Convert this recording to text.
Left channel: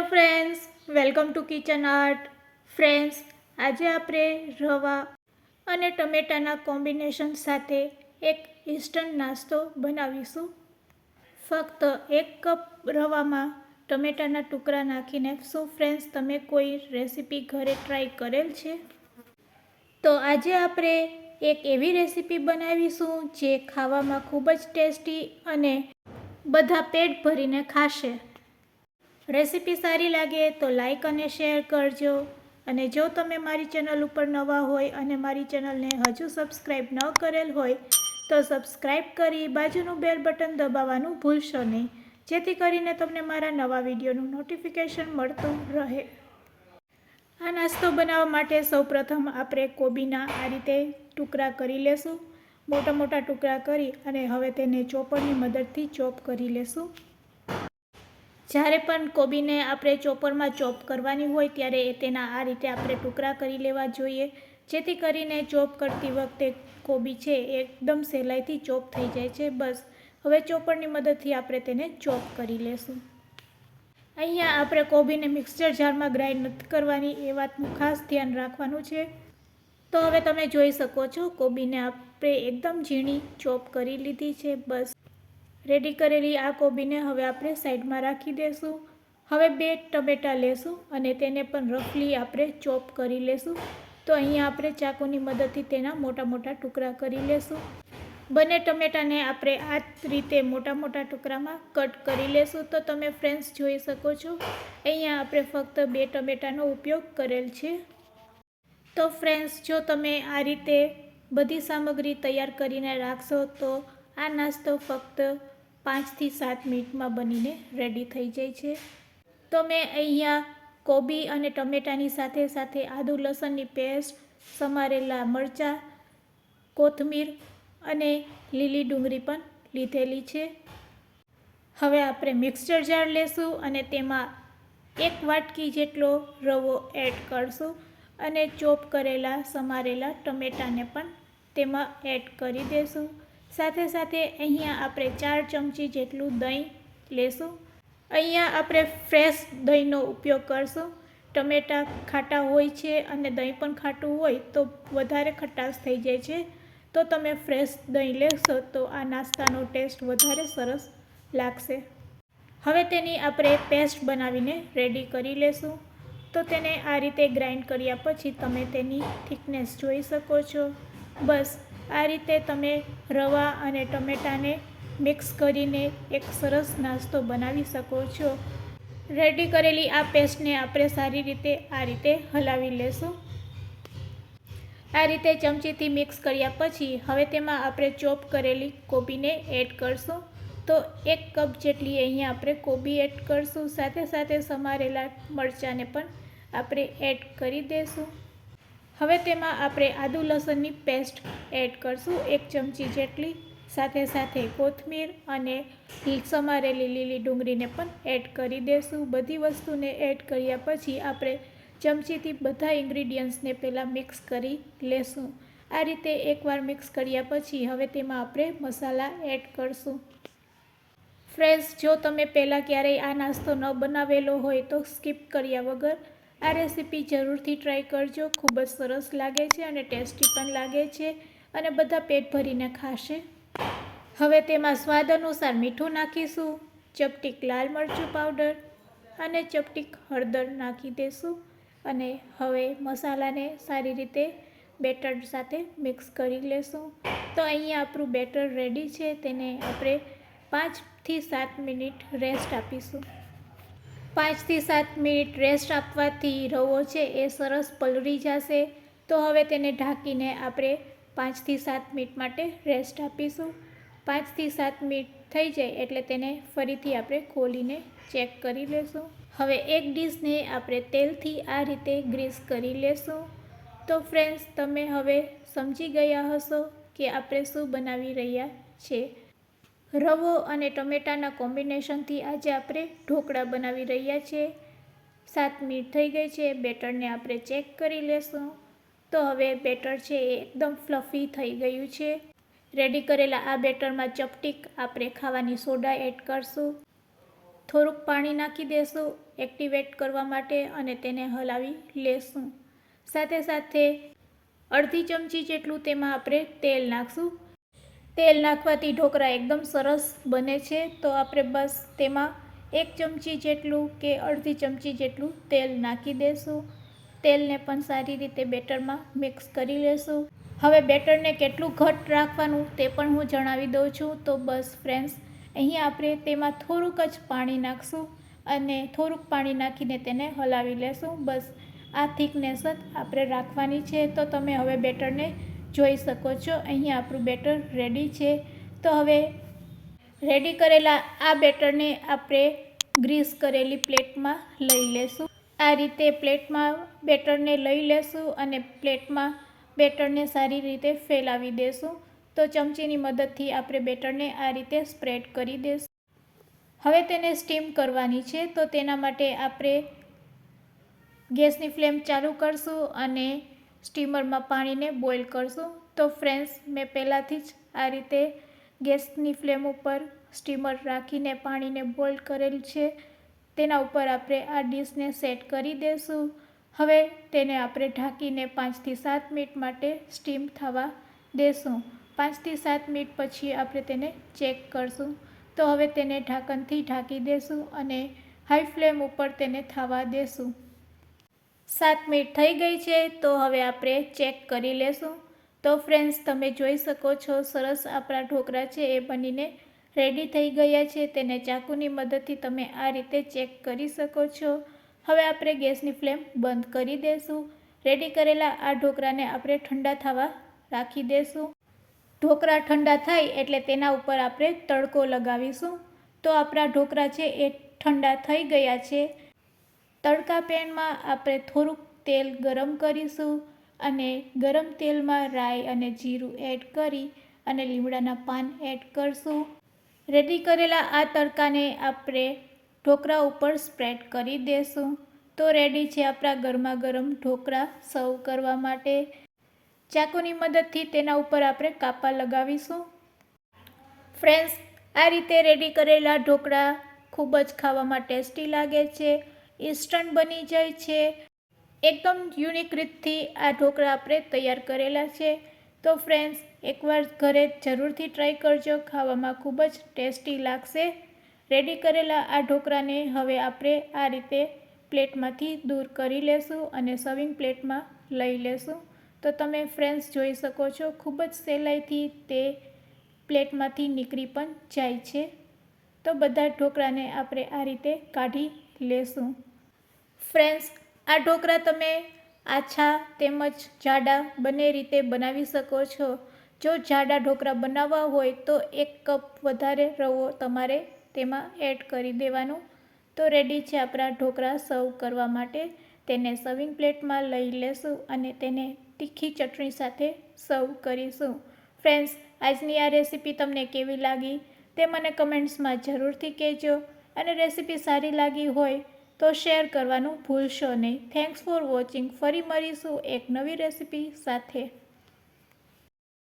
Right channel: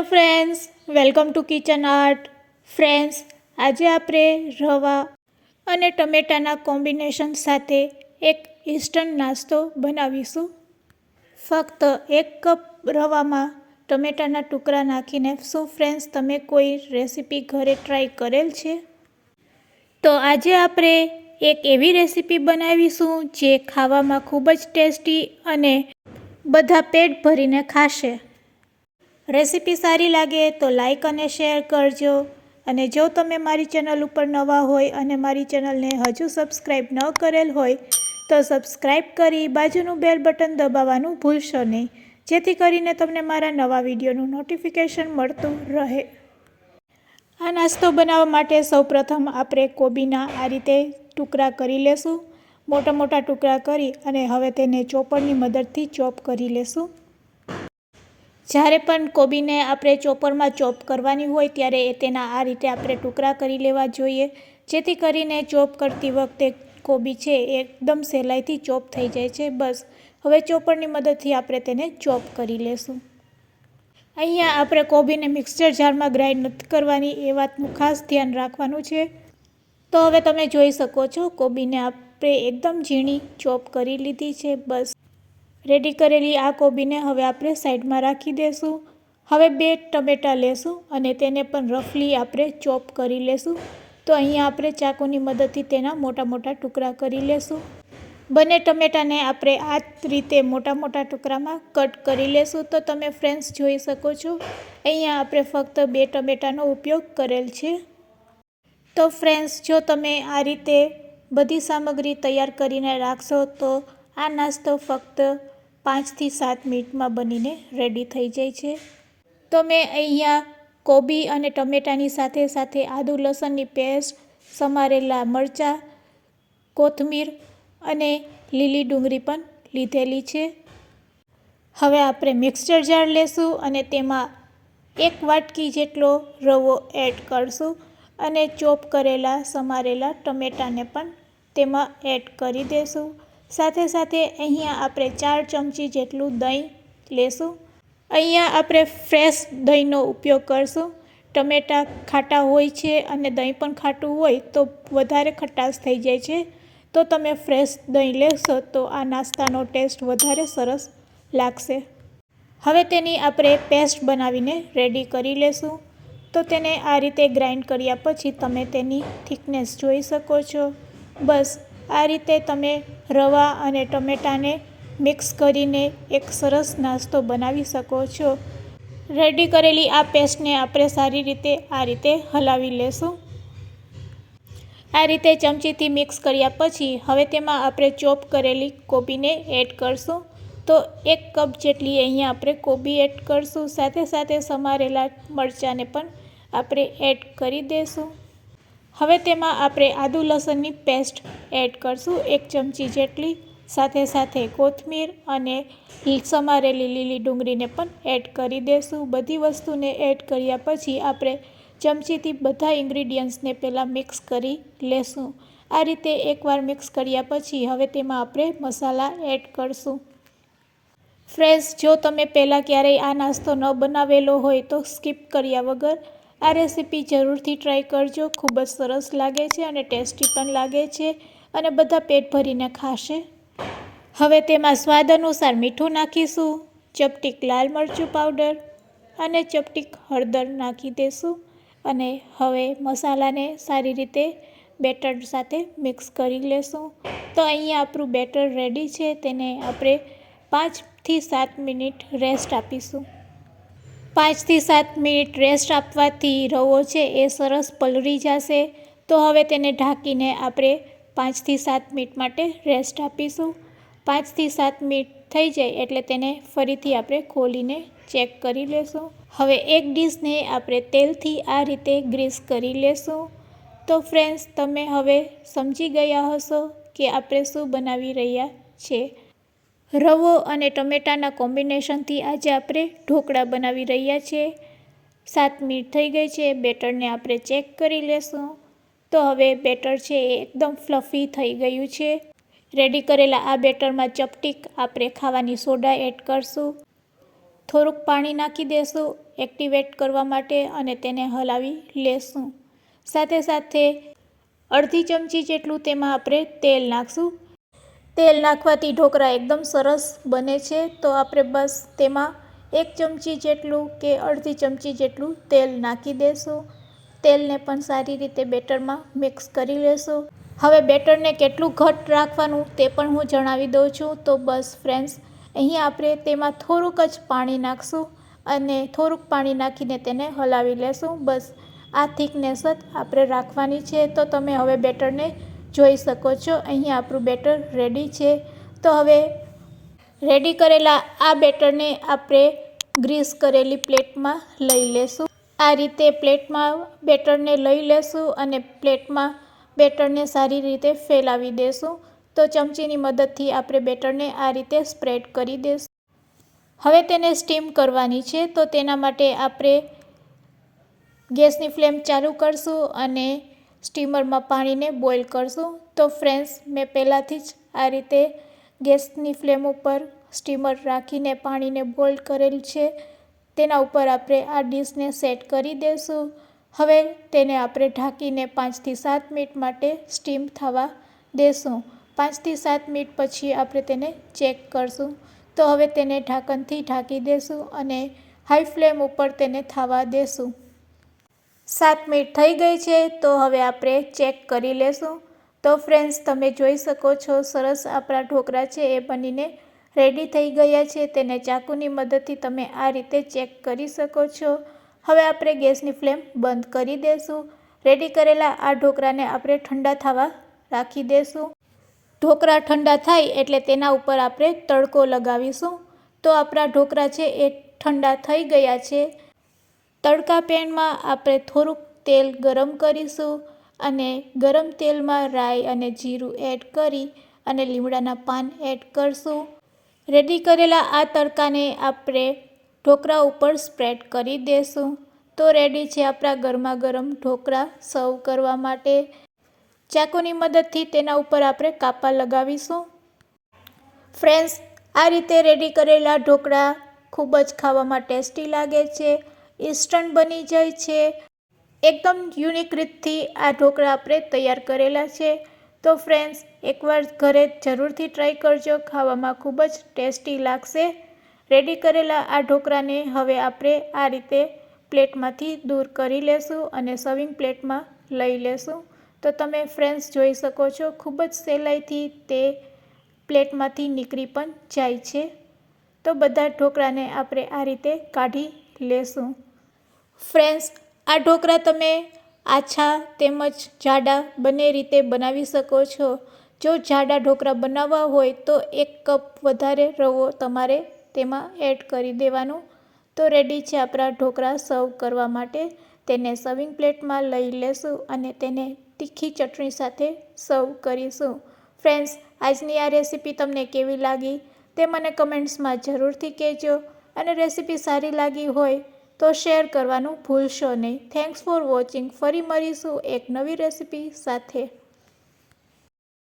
Hello friends, welcome to kitchen art. Friends, આજે આપણે રવા અને ટમેટાના કોમ્બિનેશન સાથે એક ઇન્સ્ટન્ટ નાસ્તો બનાવીશું. ફક્ત 1 કપ રવામાં ટમેટાના ટુકડા નાખીને. શું ફ્રેન્ડ્સ, તમે કોઈ રેસીપી ઘરે ટ્રાય કરેલ છે? તો આજે આપણે એક એવી રેસીપી બનાવીશું જે ખાવામાં ખૂબ જ ટેસ્ટી અને બધા પેટ ભરીને ખાશે. રેસીપી સારી લાગે તો લાઈક અને શેર કરજો. અને જો તમે મારી ચેનલ ઉપર નવા હોય અને મારી ચેનલને હજુ સબસ્ક્રાઈબ ન કરેલ હોય તો સબસ્ક્રાઈબ કરી બાજુનું બેલ બટન દબાવવાનું ભૂલશો નહીં, જેથી કરીને તમને મારા નવા વિડીયોનું નોટિફિકેશન મળતું રહે. આ નાસ્તો બનાવવા માટે સૌપ્રથમ આપણે કોબીના આ રીતે ટુકડા કરી લેશું. મોટા મોટા ટુકડા કરી અને હવે તેને ચોપરની મદદથી ચોપ કરી લેશું. જ્યારે પણ કોબીને આપણે ચોપરમાં ચોપ કરવાની હોય ત્યારે તેના આ રીતે આપણે ટુકડા કરી લેવા જોઈએ, જેથી કરીને ચોપ કરતી વખતે કોબી છે એકદમ સહેલાઈથી ચોપ થઈ જાય છે. બસ હવે ચોપરની મદદથી આપણે તેને ચોપ કરી લેશું. અહીંયા આપણે કોબીને મિક્સર જારમાં ગ્રાઇન્ડ નથી કરવાની, એ વાતનું ખાસ ધ્યાન રાખવાનું છે. તો હવે તમે જોઈ શકો છો કોબીને આપણે એકદમ ઝીણી ચોપ કરી લીધી છે. બસ રેડી કરેલી આ કોબીને હવે આપણે સાઈડમાં રાખી દઈશું. હવે 2 ટમેટાં લેશું અને તેને પણ રફલી આપણે ચોપ કરી લેશું. તો અહીંયા આપણે ચાકુની મદદથી તેના મોટા મોટા ટુકડા કરી લેશું. બંને ટમેટાને આપણે આ રીતે મોટા મોટા ટુકડામાં કટ કરી લેશું. તો તમે ફ્રેન્ડ્સ જોઈ શકો છો, અહીંયા આપણે ફક્ત 2 ટમેટાનો ઉપયોગ કરેલ છે. તો ફ્રેન્ડ્સ, જો તમે આ રીતે બધી સામગ્રી તૈયાર કરીને રાખશો તો આ નાસ્તો ફક્ત 5 થી 7 મિનિટમાં બનીને રેડી થઈ જાય છે. તો મેં અહીંયા કોબી અને ટમેટાની સાથે સાથે આદુ લસણની પેસ્ટ, સમારેલા મરચાં, કોથમીર અને લીલી ડુંગળી પણ લીધેલી છે. હવે આપણે મિક્સર જાર લેશું અને તેમાં 1 વાટકી જેટલો રવો એડ કરશું અને ચોપ કરેલા સમારેલા ટમેટાને પણ તેમાં એડ કરી દઈશું. સાથે સાથે અહીંયા આપણે 4 ચમચી જેટલું દહીં લેશું. અહીંયા આપણે ફ્રેશ દહીંનો ઉપયોગ કરશું. ટમેટાં ખાટા હોય છે અને દહીં પણ ખાટું હોય તો વધારે ખટાશ થઈ જાય છે. તો તમે ફ્રેશ દહીં લેશો તો આ નાસ્તાનો ટેસ્ટ વધારે સરસ લાગશે. હવે તેની આપણે પેસ્ટ બનાવીને રેડી કરી લેશું. તો તેને આ રીતે ગ્રાઇન્ડ કર્યા પછી તમે તેની થિકનેસ જોઈ શકો છો. બસ આ રીતે તમે રવા અને ટમેટાને મિક્સ કરીને એક સરસ નાસ્તો બનાવી શકો છો. રેડી કરેલી આ પેસ્ટને આપણે સારી રીતે આ રીતે હલાવી લેશું. આ રીતે ચમચીથી મિક્સ કર્યા પછી હવે તેમાં આપણે ચોપ કરેલી કોબીને એડ કરશું. તો 1 કપ જેટલી અહીંયા આપણે કોબી એડ કરશું. સાથે સાથે સમારેલા મરચાંને પણ આપણે એડ કરી દઈશું. હવે તેમાં આપણે આદુ લસણની પેસ્ટ એડ કરશું 1 ચમચી જેટલી. સાથે સાથે કોથમીર અને સમારેલી લીલી ડુંગળીને પણ એડ કરી દઈશું. બધી વસ્તુને એડ કર્યા પછી આપણે ચમચીથી બધા ઇન્ગ્રીડિયન્ટ્સને પહેલાં મિક્સ કરી લેશું. આ રીતે એકવાર મિક્સ કર્યા પછી હવે તેમાં આપણે મસાલા એડ કરશું. ફ્રેન્ડ્સ, જો તમે પહેલાં ક્યારેય આ નાસ્તો ન બનાવેલો હોય તો સ્કીપ કર્યા વગર આ રેસીપી જરૂરથી ટ્રાય કરજો. ખૂબ જ સરસ લાગે છે અને ટેસ્ટી પણ લાગે છે અને બધા પેટ ભરીને ખાશે. હવે તેમાં સ્વાદ અનુસાર મીઠું નાખીશું, ચપટીક લાલ મરચું પાવડર અને ચપટીક હળદર નાખી દઈશું. અને હવે મસાલાને સારી રીતે બેટર સાથે મિક્સ કરી લેશું. તો અહીંયા આપણું બેટર રેડી છે. તેને આપણે 5 થી 7 મિનિટ રેસ્ટ આપીશું. 5 થી 7 મિનિટ રેસ્ટ આપવાથી રવો છે એ સરસ પલળી જશે. તો હવે તેને ઢાંકીને આપણે 5 થી 7 મિનિટ માટે રેસ્ટ આપીશું. 5 થી 7 મિનિટ થઈ જાય એટલે તેને ફરીથી આપણે ખોલીને ચેક કરી લેશું. હવે એક ડીશને આપણે તેલથી આ રીતે ગ્રીસ કરી લેશું. તો ફ્રેન્ડ્સ, તમે હવે સમજી ગયા હશો કે આપણે શું બનાવી રહ્યા છીએ. રવો અને ટમેટાના કોમ્બિનેશનથી આજે આપણે ઢોકળા બનાવી રહ્યા છીએ. 7 મિનિટ થઈ ગઈ છે. બેટરને આપણે ચેક કરી લેશું. તો હવે બેટર છે એ એકદમ ફ્લફી થઈ ગયું છે. રેડી કરેલા આ બેટરમાં ચપટીક આપણે ખાવાની સોડા એડ કરશું. થોડુંક પાણી નાખી દેશું એક્ટિવેટ કરવા માટે અને તેને હલાવી લેશું. સાથે સાથે અડધી ચમચી જેટલું તેમાં આપણે તેલ નાખશું. તેલ નાખવાથી ઢોકળા એકદમ સરસ બને છે. તો આપણે બસ તેમાં 1 ચમચી જેટલું કે અડધી ચમચી જેટલું તેલ નાખી દેશું. તેલને પણ સારી રીતે બેટરમાં મિક્સ કરી લેશું. હવે બેટરને કેટલું ઘટ્ટ રાખવાનું તે પણ હું જણાવી દઉં છું. તો બસ ફ્રેન્ડ્સ, અહીં આપણે તેમાં થોડુંક જ પાણી નાખશું અને થોડુંક પાણી નાખીને તેને હલાવી લેશું. બસ આ થિકનેસ જ આપણે રાખવાની છે. તો તમે હવે બેટરને જોઈ શકો છો. અહીં આપણું બેટર રેડી છે. તો હવે રેડી કરેલા આ બેટરને આપણે ગ્રીસ કરેલી પ્લેટમાં લઈ લેશું. આ રીતે પ્લેટમાં બેટરને લઈ લેશું અને પ્લેટમાં બેટરને સારી રીતે ફેલાવી દેશું. તો ચમચીની મદદથી આપણે બેટરને આ રીતે સ્પ્રેડ કરી દેશું. હવે તેને સ્ટીમ કરવાની છે. તો તેના માટે આપણે ગેસની ફ્લેમ ચાલુ કરશું અને સ્ટીમરમાં પાણીને બોઇલ કરશું. તો ફ્રેન્ડ્સ, મેં પહેલાંથી જ આ રીતે ગેસની ફ્લેમ ઉપર સ્ટીમર રાખીને પાણીને બોઇલ કરેલ છે. તેના ઉપર આપણે આ ડીશને સેટ કરી દઈશું. હવે તેને આપણે ઢાંકીને 5 થી 7 મિનિટ માટે સ્ટીમ થવા દેશું. 5 થી 7 મિનિટ પછી આપણે તેને ચેક કરશું. તો હવે તેને ઢાંકણથી ઢાંકી દેશું અને હાઈ ફ્લેમ ઉપર તેને થવા દેશું. 7 મિનિટ થઈ ગઈ છે. તો હવે આપણે ચેક કરી લેશું. તો ફ્રેન્ડ્સ, તમે જોઈ શકો છો સરસ આપણા ઢોકળા છે એ બનીને રેડી થઈ ગયા છે. તેને ચાકુની મદદથી તમે આ રીતે ચેક કરી શકો છો. હવે આપણે ગેસની ફ્લેમ બંધ કરી દઈશું. રેડી કરેલા આ ઢોકળાને આપણે ઠંડા થવા રાખી દઈશું. ઢોકળા ઠંડા થાય એટલે તેના ઉપર આપણે તડકો લગાવીશું. તો આપણા ઢોકળા છે એ ઠંડા થઈ ગયા છે. તડકા પેનમાં આપણે થોડુંક તેલ ગરમ કરીશું અને ગરમ તેલમાં રાઈ અને જીરું એડ કરી અને લીમડાના પાન એડ કરશું. રેડી કરેલા આ તડકાને આપણે ઢોકળા ઉપર સ્પ્રેડ કરી દઈશું. તો રેડી છે આપણા ગરમા ગરમ ઢોકળા સર્વ કરવા માટે. ચાકુની મદદથી તેના ઉપર આપણે કાપા લગાવીશું. ફ્રેન્ડ્સ, આ રીતે રેડી કરેલા ઢોકળા ખૂબ જ ખાવામાં ટેસ્ટી લાગે છે. ઇન્સ્ટન્ટ બની જાય છે. એકદમ યુનિક રીતથી આ ઢોકળા આપણે તૈયાર કરેલા છે. તો ફ્રેન્ડ્સ, એકવાર ઘરે જરૂરથી ટ્રાય કરજો. ખાવામાં ખૂબ જ ટેસ્ટી લાગશે. રેડી કરેલા આ ઢોકળાને હવે આપણે આ રીતે પ્લેટમાંથી દૂર કરી લેશું અને સર્વિંગ પ્લેટમાં લઈ લેશું. તો તમે ફ્રેન્ડ્સ જોઈ શકો છો ખૂબ જ સહેલાઈથી તે પ્લેટમાંથી નીકળી પણ જાય છે. તો બધા ઢોકળાને આપણે આ રીતે કાઢી લેશું. ફ્રેન્ડ્સ, આ ઢોકળા તમે આછા તેમજ જાડા બંને રીતે બનાવી શકો છો. જો જાડા ઢોકળા બનાવવા હોય તો 1 કપ વધારે રવો તમારે તેમાં એડ કરી દેવાનું. તો રેડી છે આપણા ઢોકળા સર્વ કરવા માટે. તેને સર્વિંગ પ્લેટમાં લઈ લેશું અને તેને તીખી ચટણી સાથે સર્વ કરીશું. ફ્રેન્ડ્સ, આજની આ રેસીપી તમને કેવી લાગી તે મને કમેન્ટ્સમાં જરૂરથી કહેજો અને રેસીપી સારી લાગી હોય તો શેર કરવાનું ભૂલશો નહીં. Thanks for watching. ફરી મળીશું એક નવી રેસીપી સાથે.